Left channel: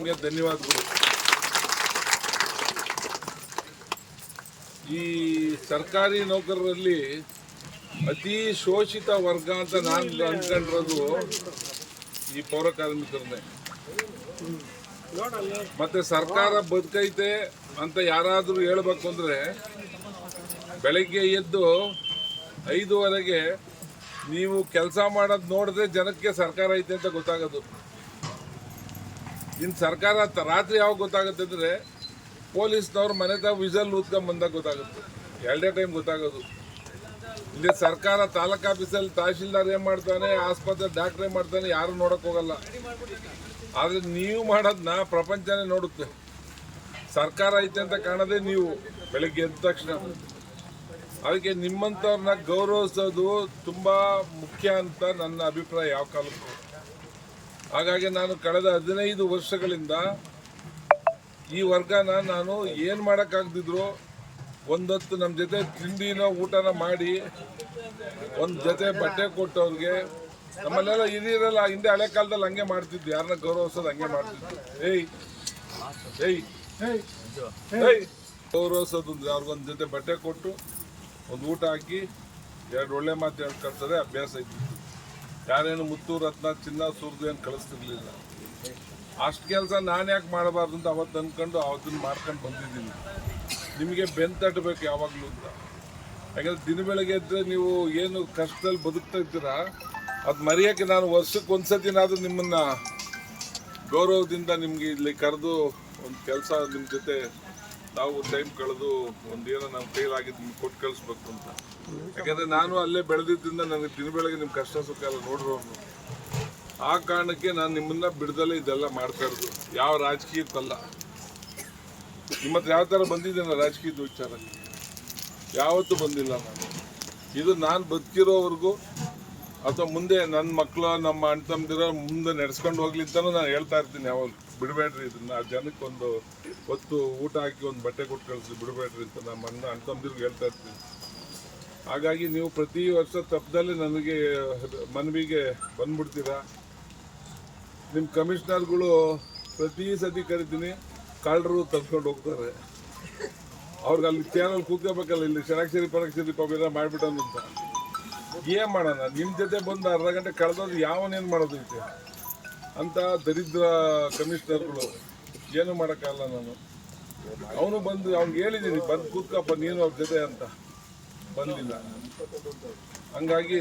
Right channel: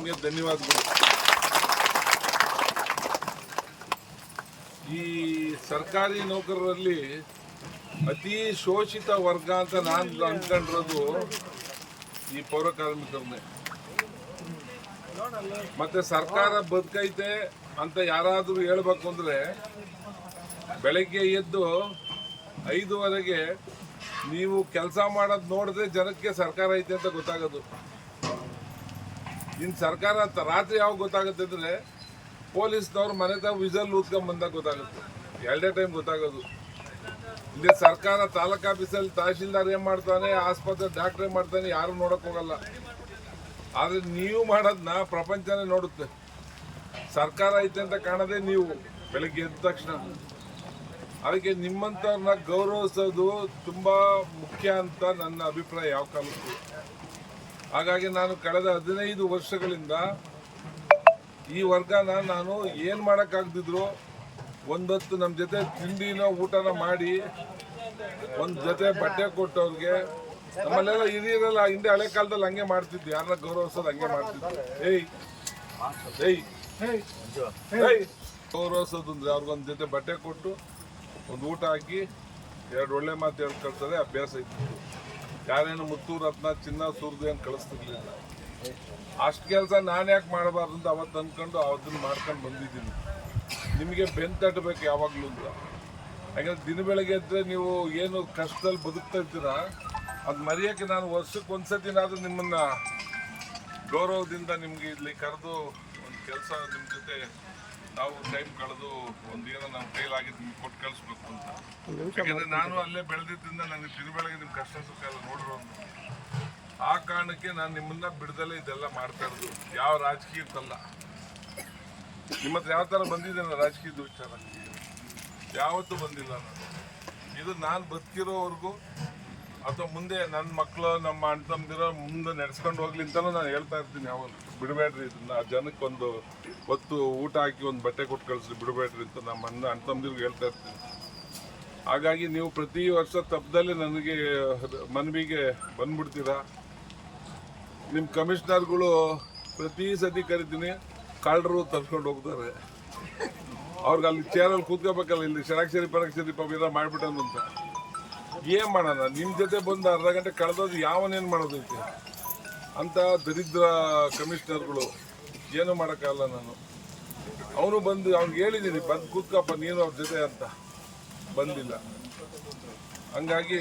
ನಿಮಗೆ ಧನ್ಯವಾದಗಳು. ಈ ಸರ್ಕಾರಿ ನೌಕರರಲ್ಲಿ ಅತಿ ಶೋಷಿತ ವರ್ಗ ಅಂತ ನಾನು ಅನ್ಕೊಂಡಿರೋದು ಈ ಪೌರ ಕಾರ್ಮಿಕರನ್ನೇ. ಮತ್ತೆ ಸರ್ಕಾರ ಬದುಕೈತೆ ಅಂತ ಯಾರಾದರೂ ಹೇಳ್ಬೇಕು ಅಂದರೆ ಬೆಳಗ್ಗೆ ಎದ್ದು 5:15ಗೆ ನೀವು ಕೆಲಸ ಮಾಡೋದು ನೋಡಿದ್ರೆ ಜನಕ್ಕೆ ಸರ್ಕಾರ ಐತೆ ಅಂತ ಗೊತ್ತಾಗೋದು. ಇನ್ನು ಸರ್ಕಾರ ರಾತ್ರಿ ಯಾವಾಗ ಗೊತ್ತಾಗುತ್ತೆ ಅಂದರೆ ಪೊಲೀಸ್ನವ್ರು ಮನೆ ತಾವು ವಿಸಲ್ ಊದ್ಕೊಂಡ್ ಬಂದಾಗ ಗೊತ್ತಾಗುತ್ತೆ. ಎರಡೇ ಟೈಮ್ ಗೊತ್ತಾಗೋದು. ಇಲ್ಲಿ ಸರ್ಕಾರ ತಾಲೂಕು ಆಫೀಸಲ್ಲಿ ತಹಶೀಲ್ದಾರ್ ಏನು ಮಾಡ್ತಾನೆ, ಆಸ್ಪತ್ರೆ ಡಾಕ್ಟ್ರ್ ಏನು ಮಾಡ್ತಾನೆ, ಯಾರು ನೋಡೋಕೆ ಹೋಗಲ್ಲ. ಆದರೆ ನೀವು ಮಾಡೋದನ್ನ ಪ್ರಪಂಚನೇ ನೋಡುತ್ತೆ. ಸರ್ಕಾರ ಐತೆ ಅಂತ ಕಾಣೋದೇ ನೀವು ಬೆಳಗ್ಗೆ ಎದ್ದ ತಕ್ಷಣ. ಅದಕ್ಕೆ ನಿಮ್ಮಂಥವ್ರನ್ನ ಗೌರವಿಸೋದು ತುಂಬ ಮುಖ್ಯ ಅಂತ ನನ್ನ ಅಭಿಪ್ರಾಯ ಯಾವ ಕಾಲಕ್ಕೂ. ಹಾಗಾಗಿ ನಾನು ಕಳೆದ 15 ವರ್ಷಗಳಿಂದ ಈ ವರ್ಗನ ನಾನು ಏನು ಮಾಡೋಕ್ಕಾಗ್ದಿದ್ರು ಒಂದೊತ್ತು ನಮ್ಮ ಜೊತೆ ತಿಂಡಿನೋ ಊಟನ ಮಾಡಿ ಒಂದು ಜೊತೆ ಬಟ್ಟೆ ಕೊಟ್ಟವ್ರಿಗೆ. ನಮ್ಮಲ್ಲೆಲ್ಲ ಹಿರಿಯರೆಲ್ಲ ಹಿಂದೆ ಹಳೆ ಕಾಲದಲ್ಲಿ ಹಂಗೆ ಮಾಡ್ತಿದ್ದು, ಯಾರನ್ನ ಗೌರವಿಸೋದು ಹಂಗೆ ಮಾಡ್ತಿದ್ದು. ಏಯ್ ಏಯ್ ಏಯ್ ಗೌರವಿಸೋದು ಅಂದರೆ ಅವ್ರಿಗೊಂದು ಜೊತೆ ಬಟ್ಟೆ ಕೊಟ್ಟು ಒಂದು ಊಟ ಹಾಕಿ 2 ಒಳ್ಳೆ ಮಾತು ಹೇಳಿ ಕಳ್ಸೋದೇ ಅಭ್ಯಾಸ ಇದ್ದಿದ್ದು. ಯಾರೇನು ಮುತ್ತು ರತ್ನ ಚಿನ್ನ ಸುರಿದು ಏನು ಕಳಿಸ್ತಿರ್ಲಿಲ್ಲ. ಅಷ್ಟು ಕೆಲಸ ನಾನು ಯಾಕೆ ಮಾಡಬಾರ್ದು ಅಂತ ಅವತ್ತು ಅಂದ್ಕೊಂಡು ಅದನ್ನು ಮಾಡ್ಕೊಂಡು ಬಂದಿದ್ದೀನಿ. ನಿಮಗೆ ಬೆನ್ನು ತಟ್ಟಬೇಕು ಯಾವಾಗಲೂ ಅಂತ. ಯಾಕಂದರೆ ದಿನ ಬೆಳಗ್ಗೆ ಇದ್ದರೆ ನೀವು ಏನು ಕಷ್ಟದಲ್ಲಿ ಬದುಕ್ತಾ ಇರ್ತೀರ ಅದು ಮರೆಯೋಕ್ಕೆ ನಾನು ವರ್ಷಕ್ಕೆ ಒಂದ್ಸತಿನಾದರೂ ನಿಮ್ಮನ್ನು ಗೌರವದಿಂದ ನಿಮಗೆ ಇಲ್ಲಿ ಕರೆದು ಒಂದು ಕೆಲಸ ನಿಮ್ಮ ಜೊತೆ ನಾವು ಟೈಮ್ ಕಳೆದು ಒಂದೇನೋ ನಮ್ಮ ಕೈಲಾಗಿದ್ದು ನಿಮ್ಗೆ ಕೊಟ್ಟು ಕಳಿಸ್ಬೇಕು ಅಂತ. ಯಾಕೆಂದರೆ ನಾನು ಅಲ್ಲೇ ಬೆಳೆದಿದ್ದರಿಂದ ನನಗೆ ದಿನ ಬೆಳಗ್ಗೆ ನಿಮ್ಮ ಕಷ್ಟ ಸುಖ ಎಲ್ಲ ನೋಡಿರೋನು. ಆ ಕಾರಣಕ್ಕೆ ನಾನು ನಿಮ್ಮನ್ನ ಬಿಡದಲ್ಲೇ ಇದೆಲ್ಲ ಮಾಡ್ತಾ ಇರೋದು. ಯಾವ ರಾಜಕೀಯಕ್ಕಲ್ಲ. ನಿಮ್ಮ ಹತ್ರ ಯಾವ ಥರ ಬಂದಿದ್ದೇನೆ ರಾಜಕೀಯದ ವಿಚಾರ ಯಾವತ್ತೂ ಬಂದಿಲ್ಲ ನಾನು. ಇದು ನಾನು ಬದುಕಿರೋವರೆಗೂ ಅಥವಾ ಮುಂದೆ ನನ್ನ ಮಕ್ಕಳು ನಮ್ಮ ಅಣ್ಣ ತಮ್ಮದಿರೋ ಮುಂದೆ ನಡೆಸ್ಕೊಂಡು ಹೋಗ್ಲಿ ಅಂತಲೂ ನಾನು ಹೇಳ್ತಾ ಇರ್ತೀನಿ. ಯಾವಾಗ ಬಿಡಬೇಡ್ರಿ ಇದನ್ನು, ಆ ಜನಕ್ಕೆ ಒಂದು ಹೊತ್ತು ಊಟ ಹಾಕಿ ಒಂದು ಬಟ್ಟೆ ಕೊಟ್ಟು ಕಳಿಸಿ ಬಿಡಬೇಡ್ರಿ ಅಂತ ನಮ್ಮ ಅಣ್ಣ ತಮ್ಮದಿರ್ಗೆ ಹೇಳ್ತಾ ಇರ್ತೀನಿ. ಹಾಗಾಗಿ ನೀವು ಪ್ರತಿ ವರ್ಷ ತಪ್ಪದಲ್ಲೇ ನನಗೆ ಮನವಿಗೆ ಬಂದ್ಬಿಡ್ತೀರಾ. ನಿಮ್ಮ ಕಮಿಷನರ್ಗಳು ಪ್ರತಿ ಸತಿ ಕರಿತೀನಿ, ಕಳ್ಳರು ತಪ್ಸ್ಕೊಂಡು ಹೋಗ್ತಾರೆ. ಅವ್ರಿಗೆ ಅಲ್ಲಿ ಚೇರಲ್ಲಿ ಕೂತ್ಕೋಬೇಕಲ್ಲ, ಇಲ್ಲಿ ಷಡಾಕ್ಷರಿ ಪರಾಕ್ಷರಿ ಪವಿರ ಮಾಡಿಬಿಟ್ಟನು ಅಂತ. ಏನು ಮಾಡೋಣ, ನಿಮ್ಮ ಜೊತೆ ಬಂದು ಅರ್ಧ ಗಂಟೆ ಕಳೆದೋದು ಯಾವನೇನು ಮಾಡೋದೈತೆ ಅಂತ ದರಿದ್ರ ಕಮಿಷನರ್ಗಳು. ಏನೂ ಮಾಡೋಕ್ಕಾಗಲ್ಲ ನಾನು. ಅವನು ಬಂದು ಅವ್ನಿಗೆ ಹೇಳಿದ್ದೀನಿ, ಬಂದು ಕೂತ್ಕಪ್ಪ ನೀನು ಅವ್ರ ಜೊತೆ ಅಂತ. ಬಂದಿಲ್ಲ. ಹಂಗಾಗಿ